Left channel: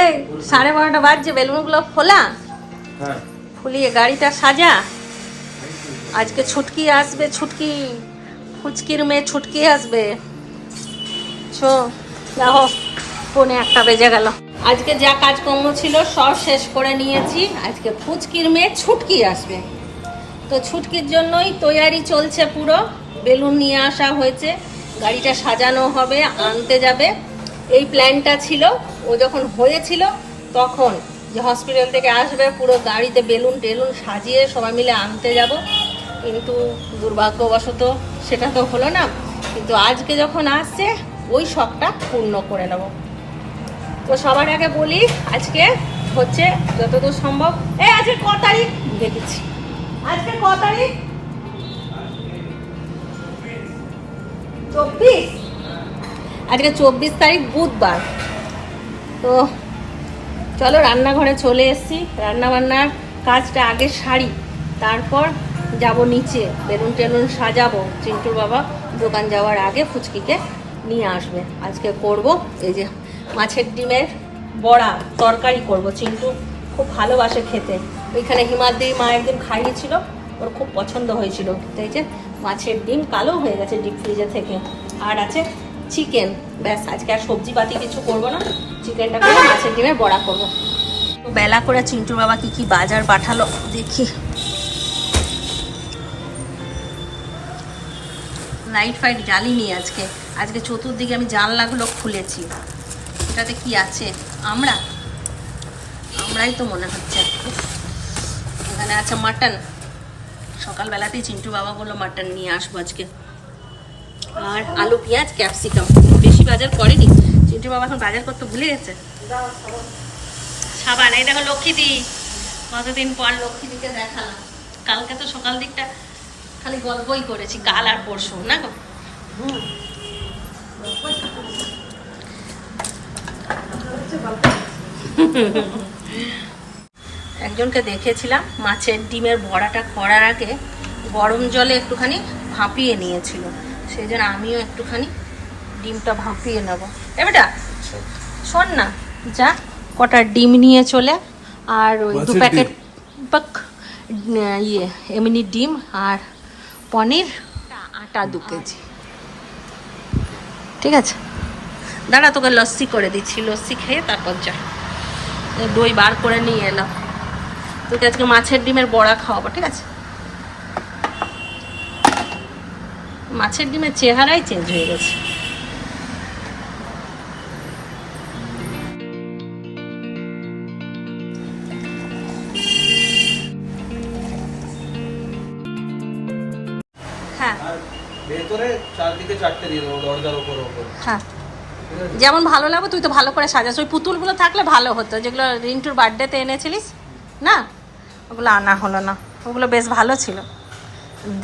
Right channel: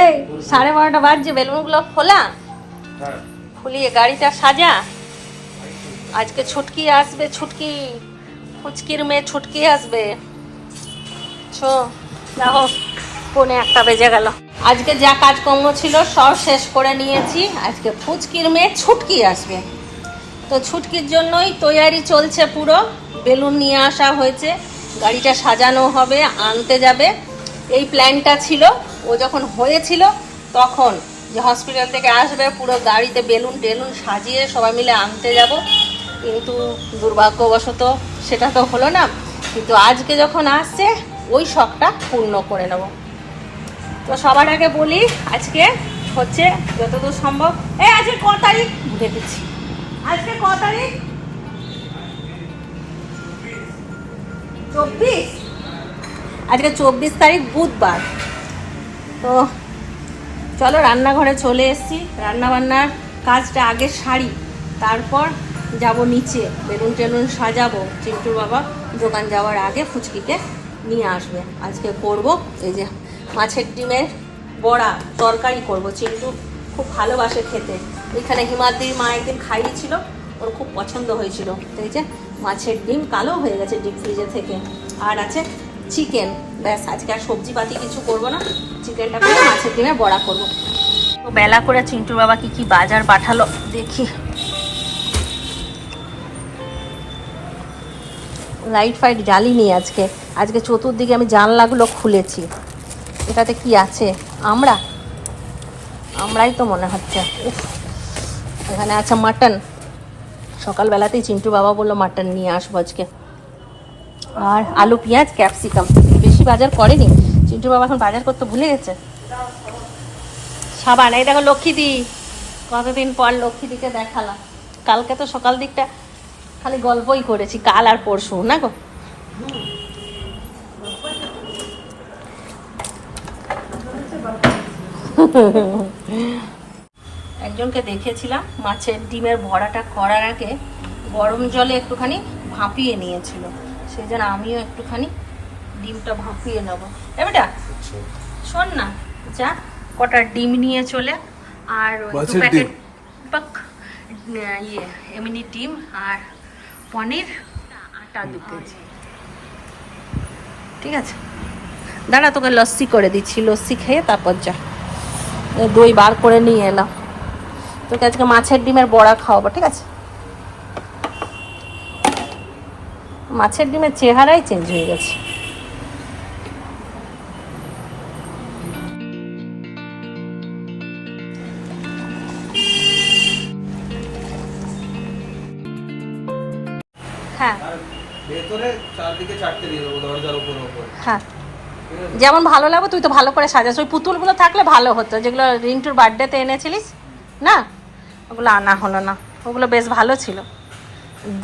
এই 12:30 বাজছে, বেলুনগুলো খোলা, ফুলিয়ে গাড়িটা সাজা। আজকে ছুটকি আসবে, ছুটকি ফুচকির মেয়ে ছুটকি আসবে। ছো যাও, 1:45 বেজে গেল। আজকে যা কাজকর্ম ছিল সব শেষ করে নিয়েছি। আজকে ফুচকির মেয়ে ছুটকি আসবে, তো ছুটকির জন্যই তৈয়ারি চলছে পুরো। বেলুন নিয়ে আসা হয়েছে, গাড়িটা সাজানো হবে, আনতে যাবে, এই প্ল্যানটা ছিল। ও যখন হয়েছিল তখন যে হসপিটাল থেকে আসবে, পুরো গাড়িতে বেলুন টেলুন সাজিয়ে সবাই মিলে আনতে যাব, কিন্তু দুর্ভাগ্যবশত সেটা তো হলো না। কিন্তু আজকে যখন আসছে ওই শখটা পূর্ণ করে নেব। তো সবার আগে বলি, আজকে হচ্ছে যতদূর সম্ভব, আজকে ক তারিখ ভুলে গেছি, আজকে ক তারিখ? 24। আজকে 24 তারিখ বুধবার। তো চলো রান্নাঘরে চলে এসেছি, রান্নাবান্নার কাজটা আগে সারি, তারপর যাব নিচে, বেলুন টেলুন সাজাবো। চিন্টুর বাবা দোকান যাওয়ার আগে ফুচকিকে নিয়ে আসবে। আজকে করব এই যে মাছের ডিমের বড়া তরকারি করব। চিন্টু খুব ভালোবাসে খেতে, ওইখানে হিমাদ্রি মা একদিন খাইয়েছিল, ওর খুব পছন্দ হয়েছিল। এই যে মাছের ডিম কালো হয়ে গেছে ডিপ ফ্রিজে থেকে, আর আছে চিকেন। ব্যাস, আজকে আর সবজিপাতি কিছু করব না, চিকেনটা করে মাছের ডিমের বড়া করব। তো বেলা করে চিন্টুর বাবা কি কি বাজার পাঠালো দেখি। লাইট ফাইট জ্বালিনি আজকে। আজকে চতুর্দিকে আমি জানলাগুলো খুলেছি। এটাতে কি আছে? আমরাই তো মনে হচ্ছে। এখানে আছে মাটন। সকালবেলাতেই চিন্টু বাবা বললো মাটন নিয়ে আসবো আজকে। আর আলু পেঁয়াজ ক্যাপসিকাম, বেশি বাজার করেনি চিন্টু বাবা, এখন বাজার করতে ভুলে গেছে। সাবান, এই দেখো লক্ষ্মীদি, কতদিন পর লক্ষ্মীদিকে দেখালাম। কালকে তো সকাল দিকটা খালি গল্পই করেছি, কাল আর পরশু না গো। একজনকে দেখেছিলাম মাছের ডিমের বড়াটা করার আগে গরম জলে একটুখানি ভাপিয়ে নিয়েছিল, সেই জন্য আমিও একটুখানি ডিমটা ভাপিয়ে নেব। এবারটা শোন না, যা কটা ডিম নিয়ে চলে, আর 2 প্যাকেট এমনি ডিম, আর পনির, আটা 2 কেজি। ঠিক আছে, দাঁড়া তোকে লস্যি করে দিচ্ছি, লস্যি খেয়ে তারপর যা। দই বার করে নিয়ে এলাম, তোকে আজকে মাছের ডিমের বড়া খাওয়াবো। ঠিক আছে, মাছের ডিমের চেহারাই চেঞ্জ হয়ে গেছে। হ্যাঁ, ভেতরে চারদিকে 4টে দিয়ে দেবো, দরজার উপরে। হ্যাঁ, যেমন ভালো লাগবে। তুই তো ভালো করে সাজাস, ওই পুতুলগুলো থাকলে ভালো হতো, যেগুলো রিন্টুর বার্থডেতে এনেছিলিস না, ওগুলো আনা হলো না। ওগুলো বেশ ভালো ছিল,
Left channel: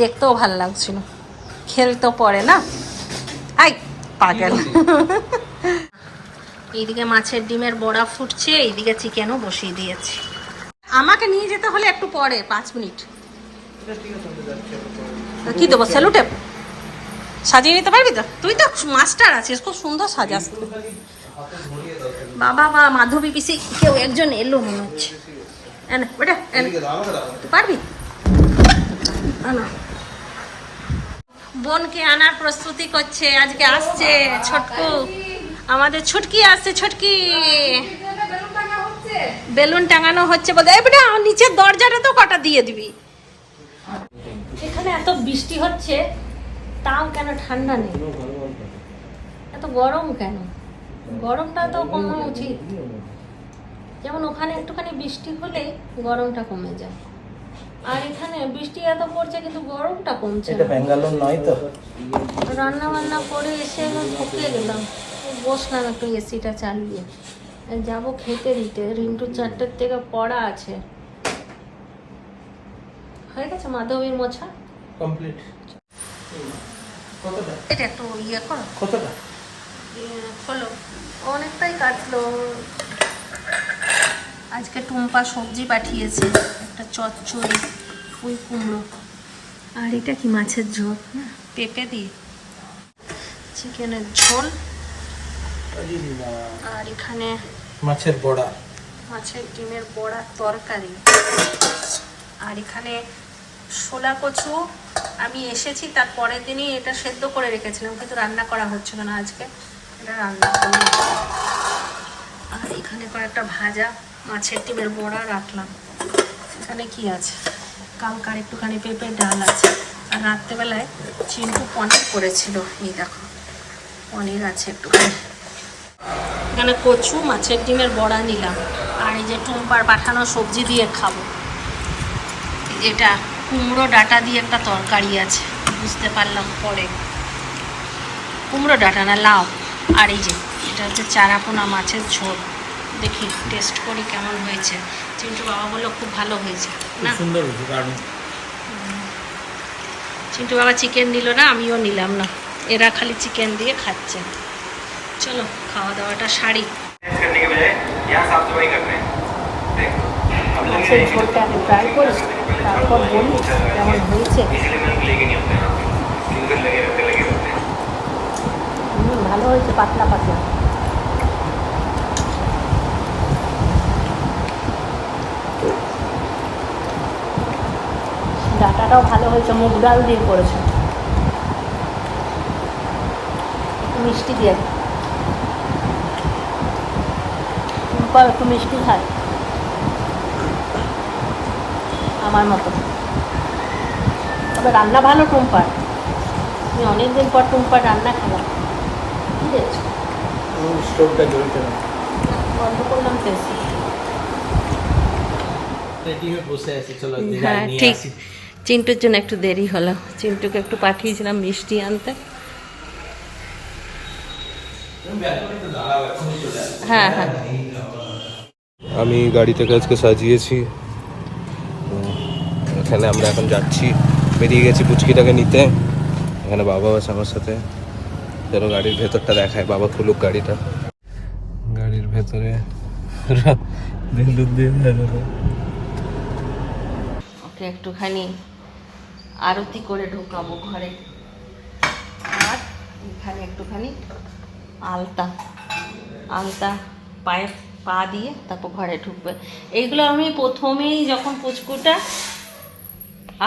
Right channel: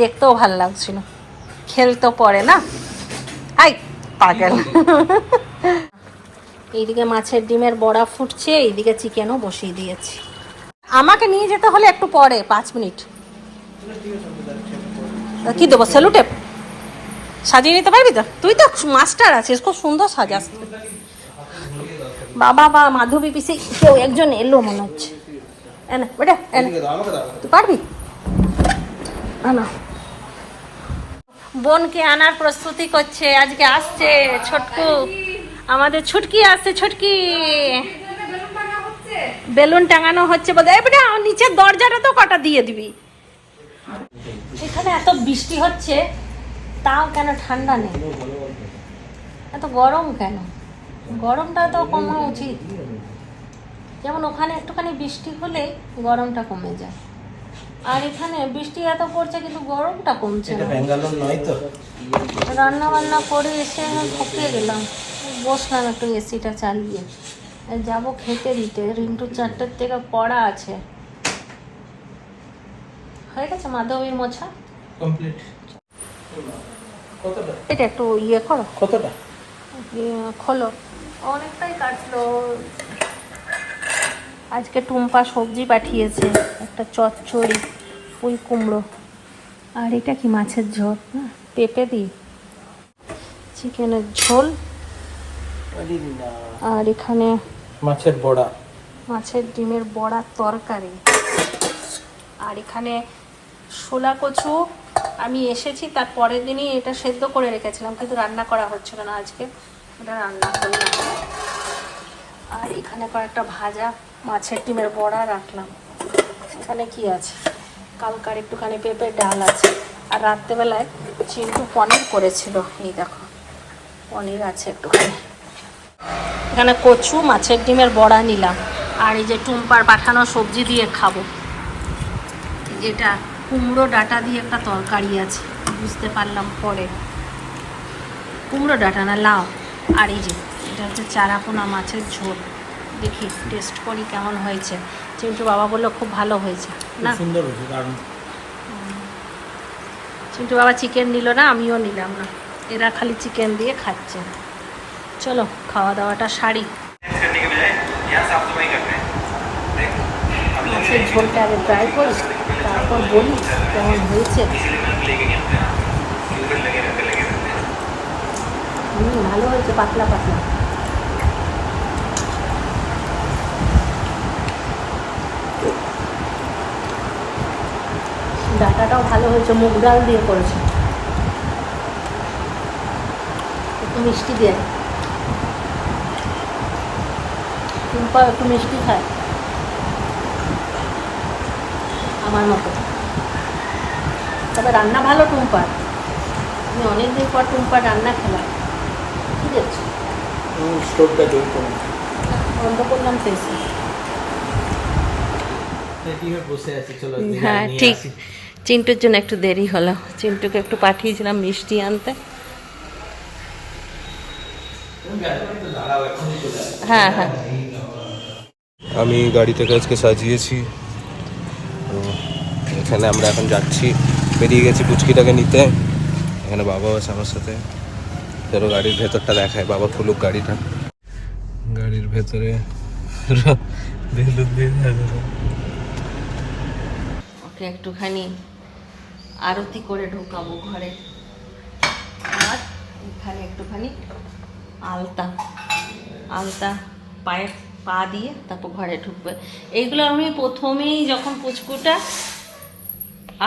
দেখতেও ভালো লাগছিল, খেলতেও পরে না। আই পাগল। এইদিকে মাছের ডিমের বড়া ফুটছে, এইদিকে চিকেনও বসিয়ে দিয়েছি। আমাকে নিয়ে যেতে হলে একটু পরে, 5 মিনিট। কি দেবো, সেলুটেপ সাজিয়ে নিতে পারবি তো? তুই তো মাস্টার আছিস, খুব সুন্দর সাজাস। বাবা বা মাধবী পিসি কেউ একজন এলো মনে হচ্ছে। বেটা তুই পারবি? বোনকে আনার প্রস্তুতি করছে, আজকে আসছে ছোটকু, আমাদের ছুটকি আসছে। ছুটকি বেলুন টাঙানো হচ্ছে বলতে, বেটা নিচের দরজাটা তো কটা দিয়ে দিবি। এখানে এত বৃষ্টি হচ্ছে, তাও কেন ঠান্ডা নেই, এত গরম কেন? গরমটা তো কমা উচিত। যেমন ওখানে একটুখানি বৃষ্টি হলে গরমটা কমে যায়, আর এখানে বৃষ্টি এত পড়ছে কিন্তু গরমটা কমছে না। রান্না বান্না করে এসে ঠকে গেলাম, বসলাম একটু এসিটা চালিয়ে, যাবো খেতে দিতে। রিন্টু 4টের থেকে পড়া আছে। হয়ে গেছে মাধবীর মোছা কমপ্লিট। এটা একটু ইয়ে করো, কতটা খোলো, অনেকটাই কাটলো। আজকে টুম্পা সবজি পাঠিয়েছে, একটা চচ্চড়ি, ফুল কুমড়ো, আর এটা কি মাছের ঝোল না, পেঁপে দিই, চিকেনের ঝোল, আর এখানে মাছের বড়া, মাছের ডিমের বড়ার তরকারি। আর এখানে শোলা কচু আমি এসেছি তার পরের দিনই এটা সেদ্ধ করে রেখেছিলাম, কিন্তু রান্না করা হচ্ছিল না, আজকে এটা রান্না করলাম। আর এখানে কয়েকটা ভাজা মাছের ডিমের বড়া রাখলাম। এখানে কি আছে, কালকার একটুখানি পেঁপের ডাল আছে। আর রাত্রেবেলায় চিন্টু পনির করেছিল, এই দেখো পনির আছে একটুখানি। এখানে কচু মাছের ডিমের বড়া নিলাম। আর এই যে টুম্পার পাঠানো সবজি দিয়ে খাবো। যেটা কুমড়ো ডাঁটা দিয়ে একটা তরকারি আছে, বুঝতে পারলাম পরে, কুমড়ো ডাঁটা না লাউ। আর এই যে এটা হচ্ছে চারাপোনা মাছের ঝোল, দেখি টেস্ট করি কেমন হয়েছে। চিন্টু বাবা বললো খুব ভালো হয়েছে না, সুন্দর হয়েছে। কারণ চিন্টু বাবা চিকেন নিল না, আমিও নিলাম না, এরা খালি চিকেন দিয়ে খাচ্ছে। চলো খাওয়া দাওয়াটা সারি। মাছের ঝোলটা আগে ট্রাই করি, তারপর বলি কেমন হয়েছে। ভালো হয়েছে, পাতলা পাতলা। ডাটাটাও ভালো হয়েছে, মুগ ডাল দিয়ে করেছে, একটু মিষ্টি দিয়ে। টুম্পা একটু মিষ্টি খায় আমার মতো, তবে রান্না ভালো টুম্পার। আমি অনেকদিন পর টুম্পার রান্না খেলাম। কি দেখছো? স্টোভটা জ্বলছে না, বন্ধ করলাম তেসে। রেডি হয়ে বসে আছি। চলো হ্যাঁ ঠিক, চিন্টুর জন্য একটু দেরি হলো, চিন্টুকে একটু পাঠিয়েছিলাম মিষ্টি আনতে। হ্যাঁ হ্যাঁ, আমি গাড়ি থেকে আজকে সাজিয়েছি, তো এখানে আমরা এখন যাচ্ছি, বেরিয়ে গেছি পুচকিটাকে নিতে। এখানে বাবা আছে আমার সাথে। চলো গাড়ির ভেতরটা দেখায়, বাবা খুলুক গাড়িটা। গাড়ির ভেতরে বেলুন দিয়ে সাজানো। ওকে একটুখানি আরতি করে ঢোকাবো ঘরে। আর এখানে একটুখানি আলতা আলতা পায়ে পা দিয়ে তারপর ঘরে ঢুকবে। এইগুলো আমি প্রথমেই যখন পুচকুটা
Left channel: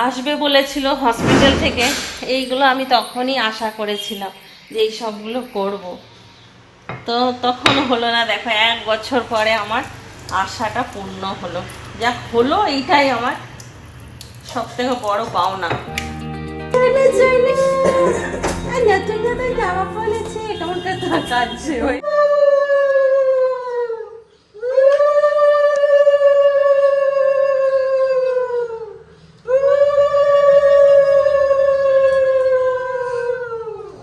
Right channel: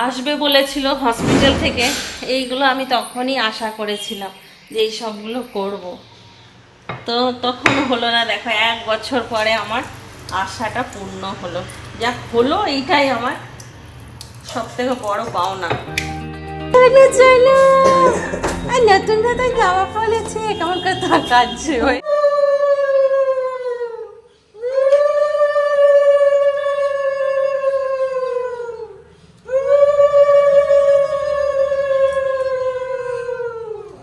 আসবে বলেছিল হসপিটাল থেকে, এইগুলো আমি তখনই আশা করেছিলাম যে এই সবগুলো করব, তো তখন হলো না। দেখো 1 বছর পরে আমার আশাটা পূর্ণ হলো। যা হলো এইটাই আমার সব থেকে বড় পাওনা। নতুন নতুন জামা পরেছে, কেমন কথা কাটছে ওই।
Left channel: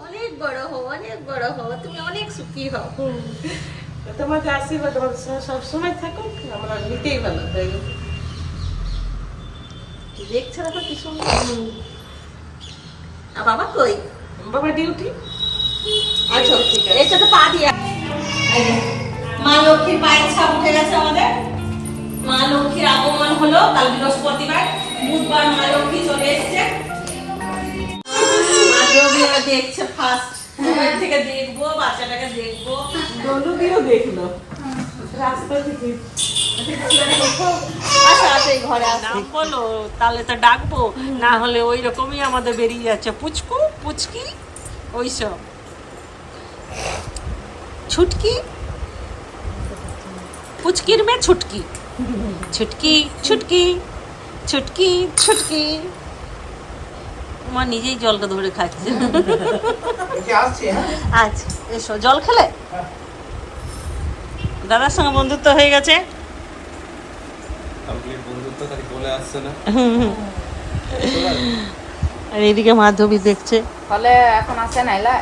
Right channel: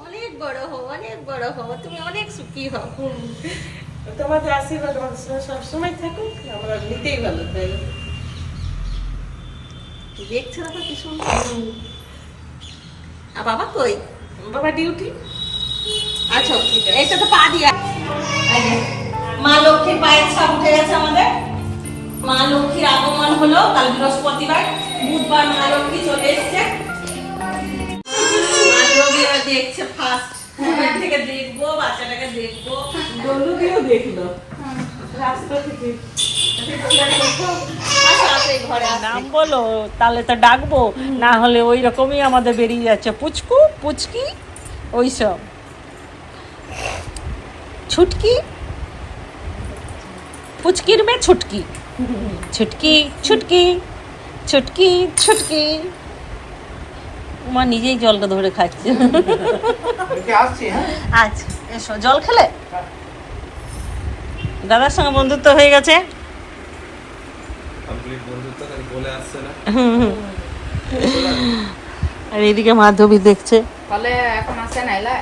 অনেক বড় হও, অনেক বড় হও, তুমি অনেক সুখী হও। তোমাদের আশীর্বাদ আমাদের সঙ্গে সবসময় থাকুক, আমরা নিতেই ভালো তাই। দেখছে না তো কি সুন্দর। আর বাবা কই? বাবা ডিউটি। আচ্ছা এইটা তো পা দিয়া। মা লক্ষ্মীর পায়ের ছাপ উঠে গেছে আমাদের। মা লক্ষ্মীর আগমন হলো কাল বৃহস্পতিবার, বুধবার মা লক্ষ্মী চলে এসছে। এবার দেখছে ফার্স্ট, থেকে দেখবো বাচ্চাটাকে, দেখবো। দলুদিও দেখলো রাস্তা থেকে। ঘরে নাম বলো, তাহলে তো ডাকবো, না হলে ওই রকমই আমাদের বেরিয়ে যাচ্ছে পুচকু পুচকি ওইসব। ছুটকি পুচকির মেয়ে ছুটকি, ছুটকি ছুটকি ছুটকি ছুটকি। মা নিজেই জলটা ধরে খাচ্ছে। আচ্ছা এসো, জল খেলে? দাদার সঙ্গে বন্ধুত্ব হয়ে গেছে। আর এইদিকে মাধবী দেখছে, ফলে এখন আসে না এলা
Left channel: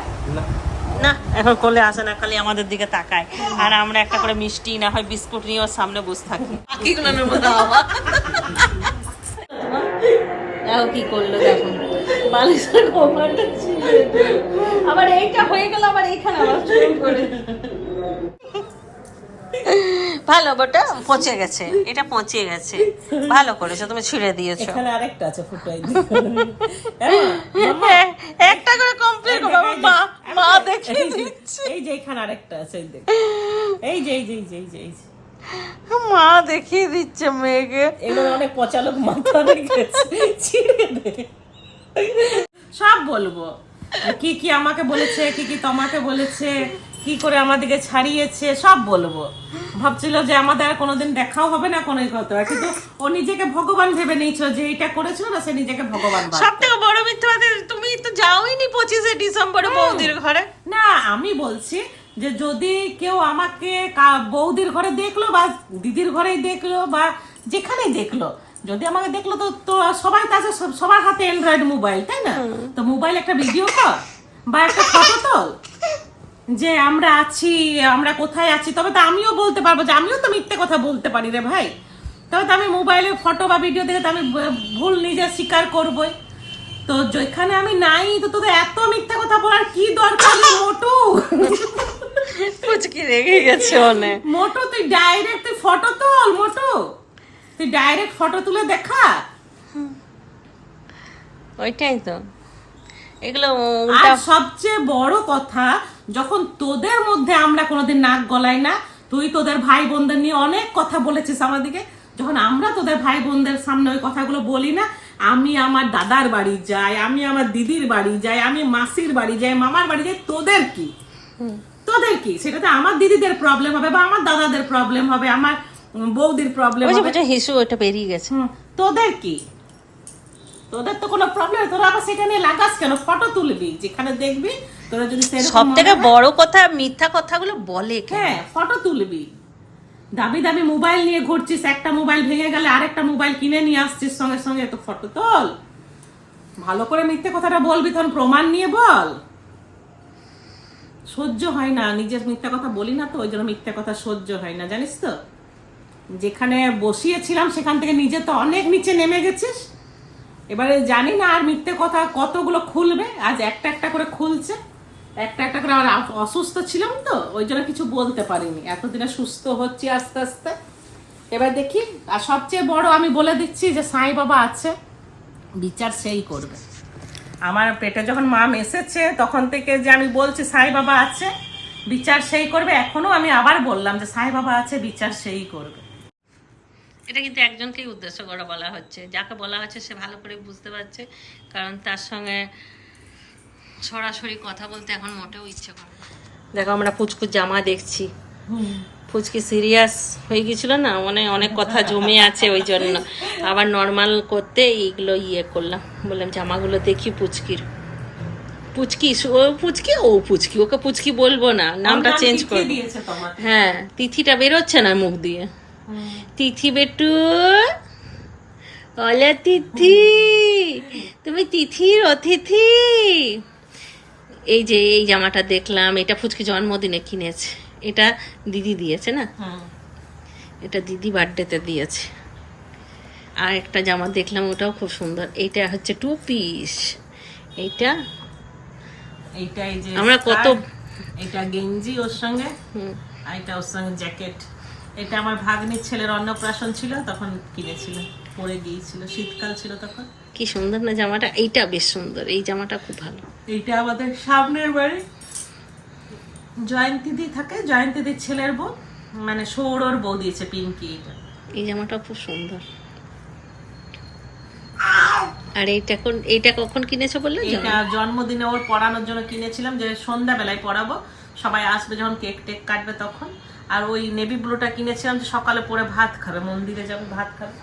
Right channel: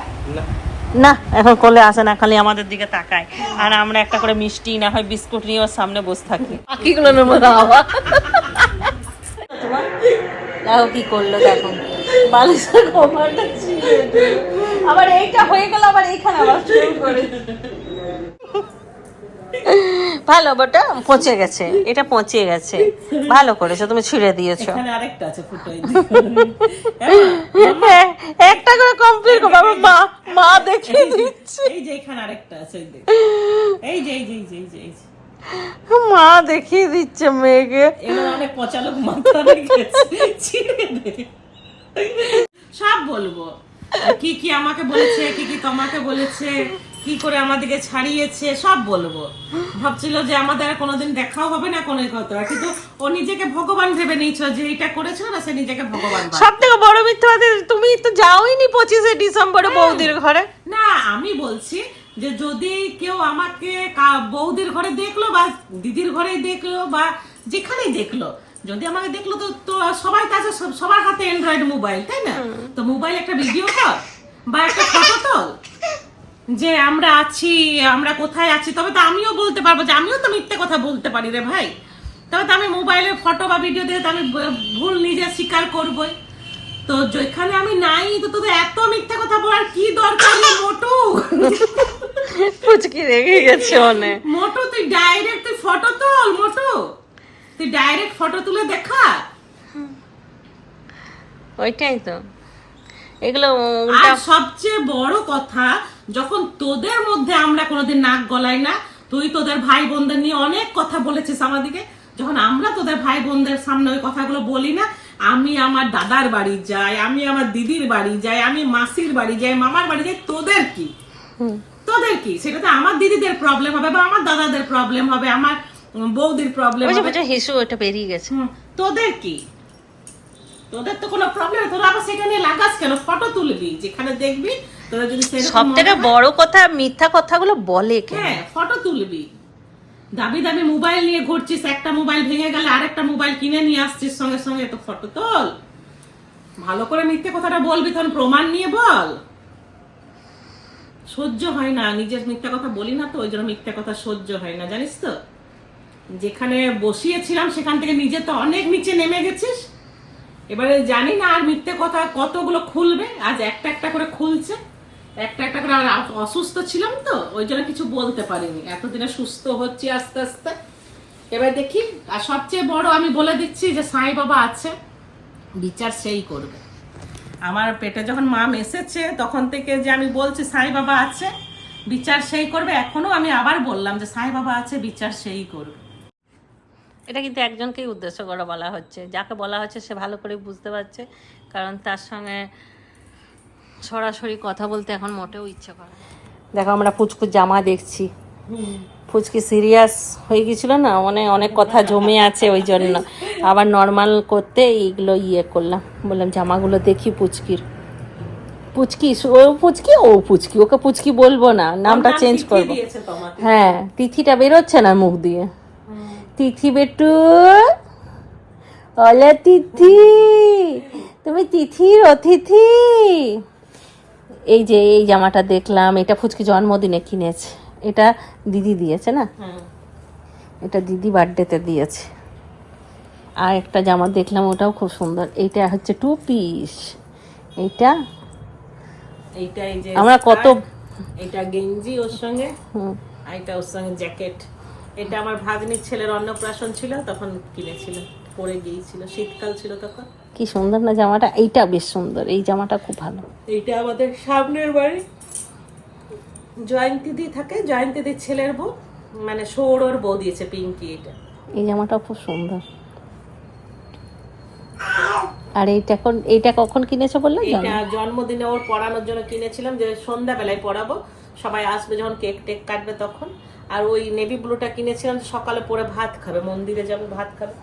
না এখন কোলে আসে না, খালি আমাদের দিকে তাকায়। আর আমরা একটা করে মিষ্টি না হয় বিস্কুট নিয়ে ওর সামনে বসে থাকি। পাখিগুলোর মতো হাওয়া। দেখো কি করলো, দেখো বালিশের কভারটা ছিঁড়ে দিল। আবার এইটা হয়ে গেল, আবার এইখানে আবার শুরু করে। ভালো, ওটা পচে গেছে, এটা পচে গেছে, ভালো করেছো তুমি, ছিঁড়ে দিয়েছো। এখানে আরেকটা আছে ফুটো একটা করে কমপ্লিট করো, আমার মা মা দেখিয়ে দিচ্ছে, এই যে এখানে আরেকটা আছে, এই দেখ, এই যে এই যে এই যে এই যে এই যে মা দেখিয়ে দিচ্ছে মেয়েকে। এগুলো অনেক পচালোক মাথা রেখেছে, ছিঁড়ে দে। সব বলবো, কি কি আমাকে বলেছে, কি কি তোমাকে বলেছে, কি করে আমাদেরকে ছাড়িয়েছে, সব বলবো। ভাবছিল যে আমাদের আর কোনোদিন দেখাও হবে না কোনো কথা, কিন্তু ও নিজেকে ভগবান ভেবে নিয়েছিল, যে এটা করেছিল না, সে নিজেকে ভগবান ভাবে। সব থেকে বড় মিথ্যাবাদী তুমি, তো যাওইনি 25শে ডিসেম্বরে বৌদির ঘরে। না, আমি বলছি যে যদি কেউ আমাকে বৌদির ঘরে দেখলো বা দিদির ঘরেই দেখলো বা যেখানেই দেখলো, যদি আমাকে দেখলো তো তো সবাই কাছে, সবার হাতে অ্যান্ড্রয়েড মোবাইল, তাই না? তো মোবাইল একটা ভিডিও কর বা একটা ফটো তোল যে আমরা আছি, আমরা কোথায় আছি, তবে তো আমিও বলতে পারবো যে আমিও তো মিথ্যে কথা বলতে পারি রে ভাই। তবে তো আমি মোবাইলের ফটো বা ভিডিও দেখে তো আমি ভুল নিজে স্বীকার করবোই। তো যেখানে আমি নাই, তো তোদের এত মিথ্যা কথা বলার কি দরকার নেই মোটু। পুচকি রেগে গেছে অনেক। মোটু তুই ডাইরেক্ট তুই ফটো তোল, মোটু তুই ডাইরেক্ট ফটো তুলে দেখা। ওইটাই তো, এগুলো আর সবচেয়ে বড় কথা, যখন তোদের মধ্যে আমরা কোনোদিন নাক গলাই না, তুই তোদের ভাই বোনদের নিয়ে অনেক কথা বলেছিস আমাদেরকে, যখন আমরা তোদের ভাই বোনদের সামনে ওই কথাগুলো বলি না, আমি আমার দাদার বাড়ি যাই, আমি আমার দিদির বাড়ি যাই, আমি মাসির বাড়ি যাই, মামার বাড়ি যাই, তোদের কি? তোদের কি? সেটাতে আমার দিদিদের প্রবলেম হবে বা আমার দাদাদের প্রবলেম হবে, আমার বৌদির প্রবলেম হবে, হিসু ওটা বেরিয়ে গেছে। তোদের কি? তোদের তো কোনো প্রবলেম, তোরা আবার সেখানে লাগাস কেন? ফটো তুলবি, যেখানে দেখবি তোরা যদি সব থেকে বড় কথা, মিথ্যা কথাগুলো বলে কেন? হ্যাঁ, ফটো তুলবি। দাবি দাবি মোবাইল নিয়ে ঘুরছিস, একটা মোবাইল ভেঙে গেলে আরেকটা মোবাইল কিনে নিয়ে আসছিস সঙ্গে সঙ্গে, তো ফটো তোল। ভালো করে মিথ্যে কথাটা বলবি, তখন প্রমাণ নিয়ে বল। সহ্য হয় না, নিজের মিথ্যা কথা বলি না তো, ওই জন্য মিথ্যা কথা সহ্য হয় না, জানিস তো। যেখানে বসিয়েছিলাম সেখান থেকে নিজে তো অনেক নিচে নেমে গেছিস, এবারে জানি না আর মিথ্যে কথা কতগুলো খুলবে। আজ একটা একটা করে খুলছে, একটা একটা করে। আর অসুস্থ ছিলাম তো, ওই জন্য কিছু বলতে পারিনি, এতদিনে সুস্থ হচ্ছি আস্তে আস্তে। এবার দেখি। আর সবচেয়ে বড় আমি বলে দিচ্ছি যে সাই বাবা আছে, বিচার সেই করবে। আমার পেটে যখন মা এসেছে তখন থেকে যে আমি বলছি সাই বাবা আছে, বিচার সেই করবে। এখনো আমি আবার বললাম যে সাই বাবা আছে, বিচার সেই করবে। এটা কিন্তু একজনকেই উদ্দেশ্য করে বলা হচ্ছে, যাকে বলা হচ্ছে সে ভালো করে বুঝতে পারছে, কারণ তার সঙ্গে সরাসরি কথা বলতে এখন মোটেও ইচ্ছে করে না। দেখো আমরা পুচকুর জামা দেখছি, ফুচকি সিরিয়াস হয়ে গেছিল না, অনেক কথা জমে আছে, ওই জন্য আবার নর্মাল করতে এইগুলো করলাম। বললাম জামাগুলো দেখি পুচকির। পুচকি ও পুচকি, ওকে পুচকি বলবো না, নামটা চেঞ্জ করবো। হ্যাঁ, তিথিটা বেরোচ্ছে না মুখ দিয়ে। তিথি বেটু, ওলে তিথি, তুমি তিথির অতিথি। এই যে এই জামাটা দেখলাম, এটা ফুচকি জন্মদিনে কিনেছে, এটা দিদি দিয়েছে না, এটা দিদি বার্থডেতে দিয়েছে। আর একটা জামা দেখলাম, ওটাও খুব সুন্দর, এইটা হচ্ছে 2 পিস। এইটা আমরা কত, এটা গেঞ্জি ওর সঙ্গে, আর এটা ওর সঙ্গে জ্যাকেট। এটা আমার ভাগ্নির ছেলের অন্নপ্রাশন ছিল, তখন কিনেছিল, পরে গিয়েছিল, শীতকাল ছিল তখন। কি সুন্দর না জামাটা, এইটা বেশ সুন্দর, এই জামাটা খুব ভালো। এইটা আমাদের সামনের বাড়ি জয়ন্তী দি থাকে, জয়ন্তী দির ছেলের বউ, মানে সৌরর বউ দিয়েছে পিঙ্কি। এই জামাটা খুব সুন্দর। আর এইটা কখন কিনেছো বললে? জন্মদিনে ওর পড়ানোর জন্য কিনেছিলাম, যে সন্ধ্যাবেলায় পড়াবো, সবাই আসবে যখন, কেক টেক কাটবে তখন। আর ওই নেভি ব্লুটা কিনেছিলাম, সকালে পরে ভাত খাবে, মন্দিরে যাবে ভাত খাবে।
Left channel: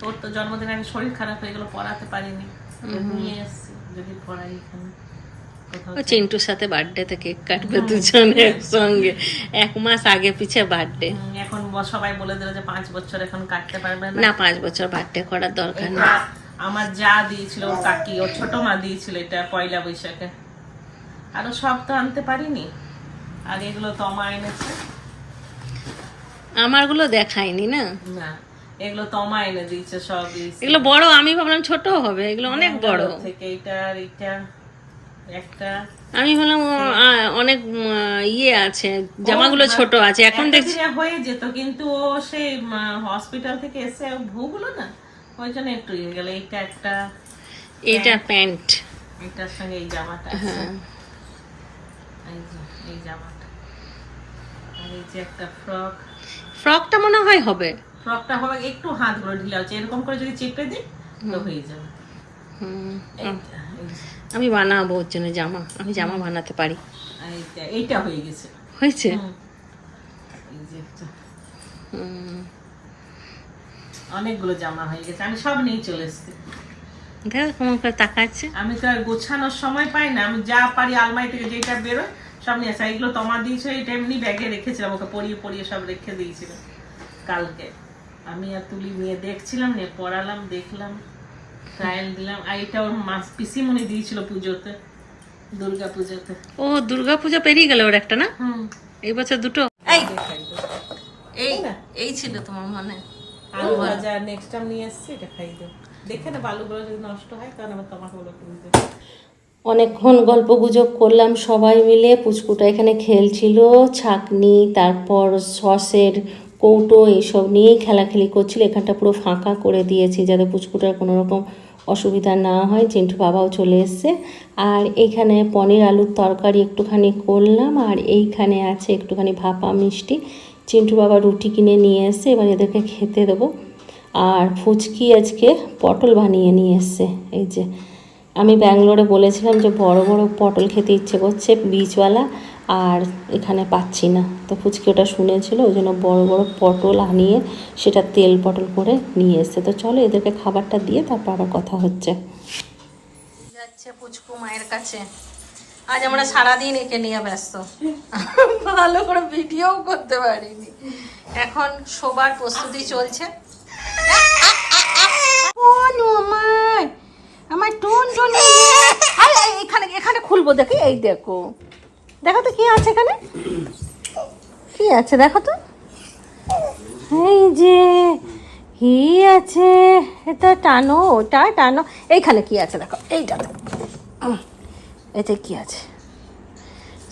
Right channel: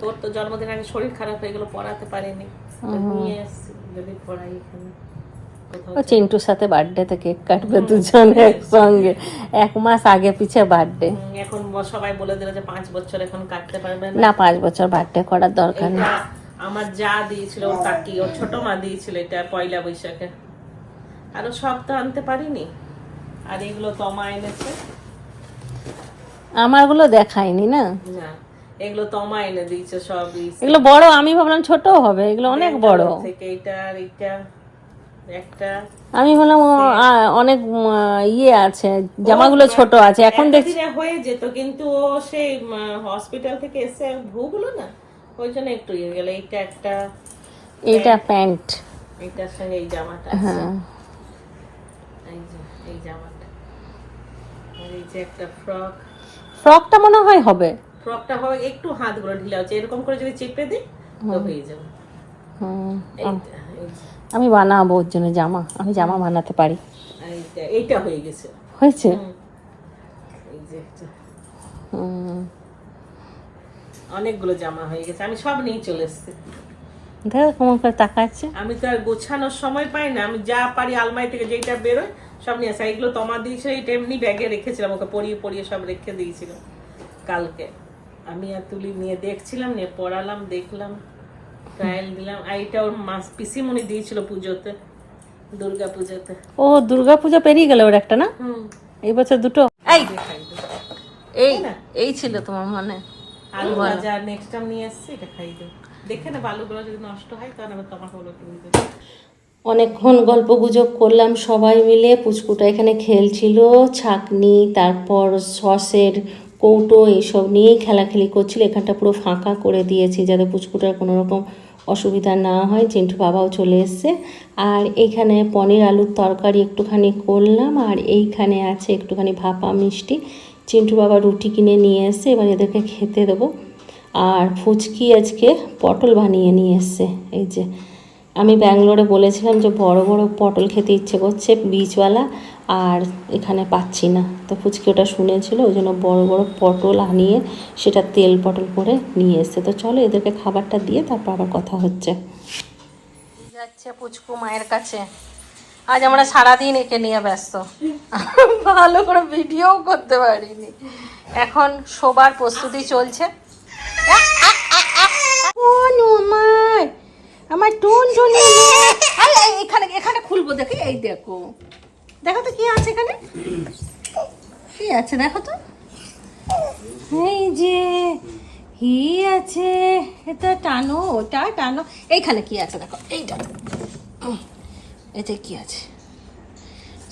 তোর তো জন্মদিনে আমি শরীর খারাপ হয়ে গেলো, পড়াতে পারিনি, নিয়ে এসছি যদি পড়াই এখানে। ও চিন্টুর সাথে বার্থডেতে কেক কাটবে দুজনে একসঙ্গে, 1 মাস আগে পিছে বার্থডে। এখন সবাই বলে দিল যে 5 বছর এখন কাটতে পারবে না, 5 বছর বার্থডে করার দরকার নেই। আমার যা দিয়েছিল ওর কাকি, ওর ছোট মা দিয়েছিল এটা পয়লা বৈশাখে। আরো সব তো আনতে পারিনি, আর এগুলো তো মা এনেছে। আমারগুলো দেখাইনি না, না এগুলো তো মা এনে দিয়েছে সব। এগুলো বড়, আমি ভাবলাম ছোট হবে, এগুলো অনেক বড়। থেকে এটা আর এটা একটা আমি বললাম অনেক ইয়ে আছে, জামাগুলো ছোট আছে, এখন একটা দেখছি দিনে হয়ে যেত, কিন্তু ও সেই হসপিটাল থেকে এসে ভুগুলো না, ওই জন্য একটু ইয়ে গেল। এইটা একটা, এটা প্যান্ট। এটার সঙ্গে এই জামাটা, হ্যাঁ, এই যে এই জামাটা, আর এই যে একটা ফ্রক। ফ্রকটা মনে হয় হবে। ফ্রকটা হবে একটু হাতগুলো ঢিলা হচ্ছে, এরকম করে যদি চেপে দিই তো হয়ে যাবে। হুম, এইটা, এই যে, আমি বানাবো ওর জন্য জামা, আমি জামা বানাতে পারি। এইটা হয়ে গেছে। হয়েছে? এই যে একটা, হুম, অনেকগুলো জামা হয়ে গেছে, আমি সব নিয়ে চলে এসেছি। দেখো কেমন করে তাকাচ্ছে। আমি তো আর গোছানোর সময় পাই না, আমি যা পারি আলমারি থেকে যেটা বেরোয় সব নিয়ে আসি। এইগুলো তোমার দিয়েছিল, এটা এমনি ব্যাগে রেখেছিলাম, ওকে পরিয়ে পরিয়ে সব রেখে দিয়েছিল কালকে। আমি আর তুলি নিয়ে দেখছিলাম, নিয়ে পড়ালাম, দেখলাম, ট্রায়াল দিলাম। আর এটা ওর মাস পিসিমণি দিয়েছিল পুজোতে, দুর্গা পুজোতে। ও দুর্গা পূজা পেরিয়ে গেল ওর একটা না, এই বছর দুটো। এই এই এই ছিল তোমার মনে। আলু ভাজা নেক্সট টাইম নিয়ে এসছি, এটা খাই দেব। দেখে না বালুগুলো যদি নষ্ট হয় তখন আবার তোমাকে বলো তুমি। অনেকক্ষণ গল্প গুজব করলাম সবাই মিলে। পুচকুটা এখানে খেলছিল, ছাকনি তারপর সসের কৌটো এইসব নিয়েই খেলাখেলি করছিল। এখানটা পুরো ফাঁকা করে দিয়েছি যাতে পুচকুটার কোনো রকম অসুবিধা না হয়। চিন্টু বাবাও চলে এসছে। আর এইখানে পনির আলুর তরকারি একটুখানি করলাম, আর এইখানে আছে একটুখানি ভাপা মিষ্টি। চিন্টু বাবা রুটি কিনে নিয়ে এসছে, এবার এদেরকে খেতে দেবো। আর ফুচকি আজকে পটল বানিয়ে নিয়ে এসছে। এই যে আমি ব্যাঙ্গালোরে বলেছিলাম যে বড় বড় পটল খেতে ইচ্ছে করছে বীজওয়ালা, আর এখানে পাচ্ছি না, তো ফুচকি ওটা শুনেছিল, ওই জন্য বড় বড় পটল আনিয়ে সেটা তেল পটল করে নিয়ে এসছে। তো চলো এদেরকে খাবারটা দিয়ে তারপর আবার কথা হচ্ছে। যাচ্ছে পুচকু মায়ের কাছে। আজ আমরা সারাদিন একে নিয়ে ব্যস্ত, ভালো করে ভিডিও করতে পারিনি। এখন শোবার প্রস্তুতি চলছে। আমার টুন টুনি, এখানে এখানে খুলবো, দেখো এই দেখো, দেখো তো কি আছে এখানে, কি আছে দেখো তো, এই যে কি আছে, এটা টানো, ওটা টানো, এইখানে কি আছে দেখো, এইটা এতে কি আছে,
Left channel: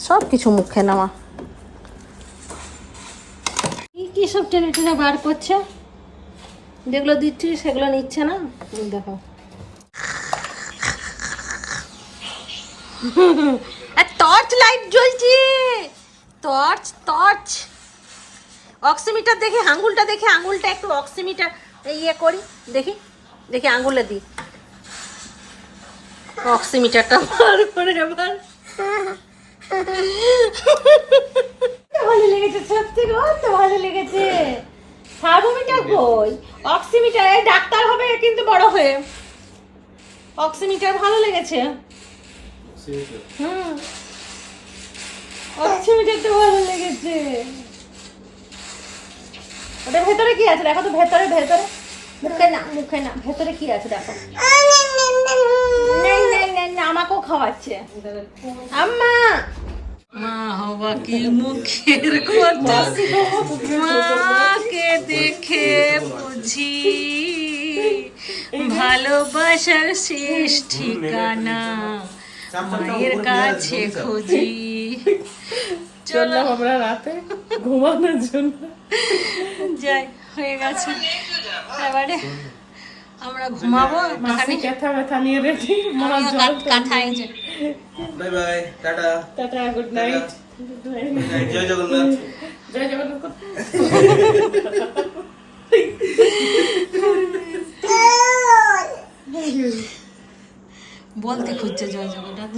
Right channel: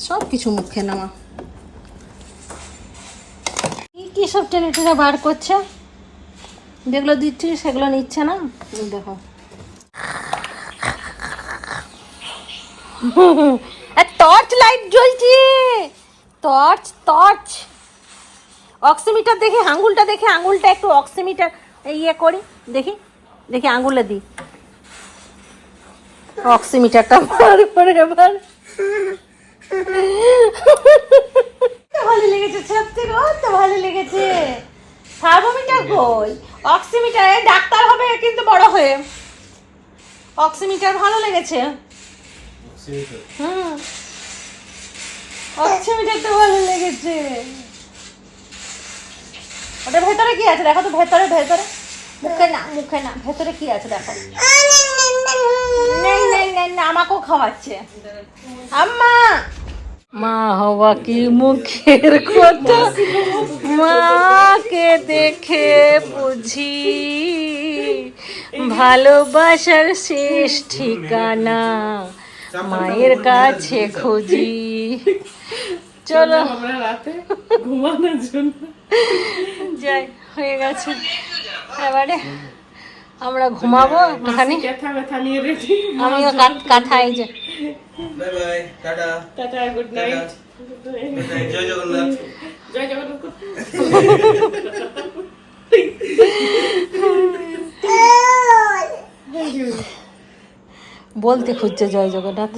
সব কিছু মুখে নেওয়া। কি কি সব টেনে টেনে বার করছে, যেগুলো দিচ্ছি সেগুলো নিচ্ছে না, দেখো। টর্চ লাইট জ্বলছে, টর্চ টর্চ। অক্সিমিটার দেখি, আঙুলটা দেখে, আঙুলটা একটু অক্সিমিটার ইয়ে করি, দেখি দেখি আঙুলে দিই অক্সিমিটারটা বার করে। এবার ভালো লেগেছে, সত্যি তো ভালো লেগেছে। থার্মোমিটার কই, অক্সিমিটার, ডাক্তার হবে কিন্তু বড় হয়ে। অক্সিমিটার ভালো লেগেছে, হুম, অক্সিমিটারটা ভালো লেগেছে। ওটা ভেতরে কি আছে দেখো তো, ভেতরে ভেতরে, মুখে না মুখে না, ভেতরে কি আছে দেখো। আমাকেও খাওয়াচ্ছে আম্মা। মা হওয়া কি মুখের কথা, মাকে দেখে বুঝি ভালোবাসার শেষ ঠিকানা মায়ের কাছে খুঁজি। চলো আমরা রাতে ঘুমানোর জন্য যাই, হয়ে গেছে এবারে আমরা ঘুমাবো একটুখানি। ব্যথা ব্যথা নিয়ে রেডি, আমিও কাঁথা, এই যে bye bye, tata tata, good night, জয় জগন্নাথ। জয় জগন্নাথ। বলতে খুঁজছে জয় জগন্নাথ।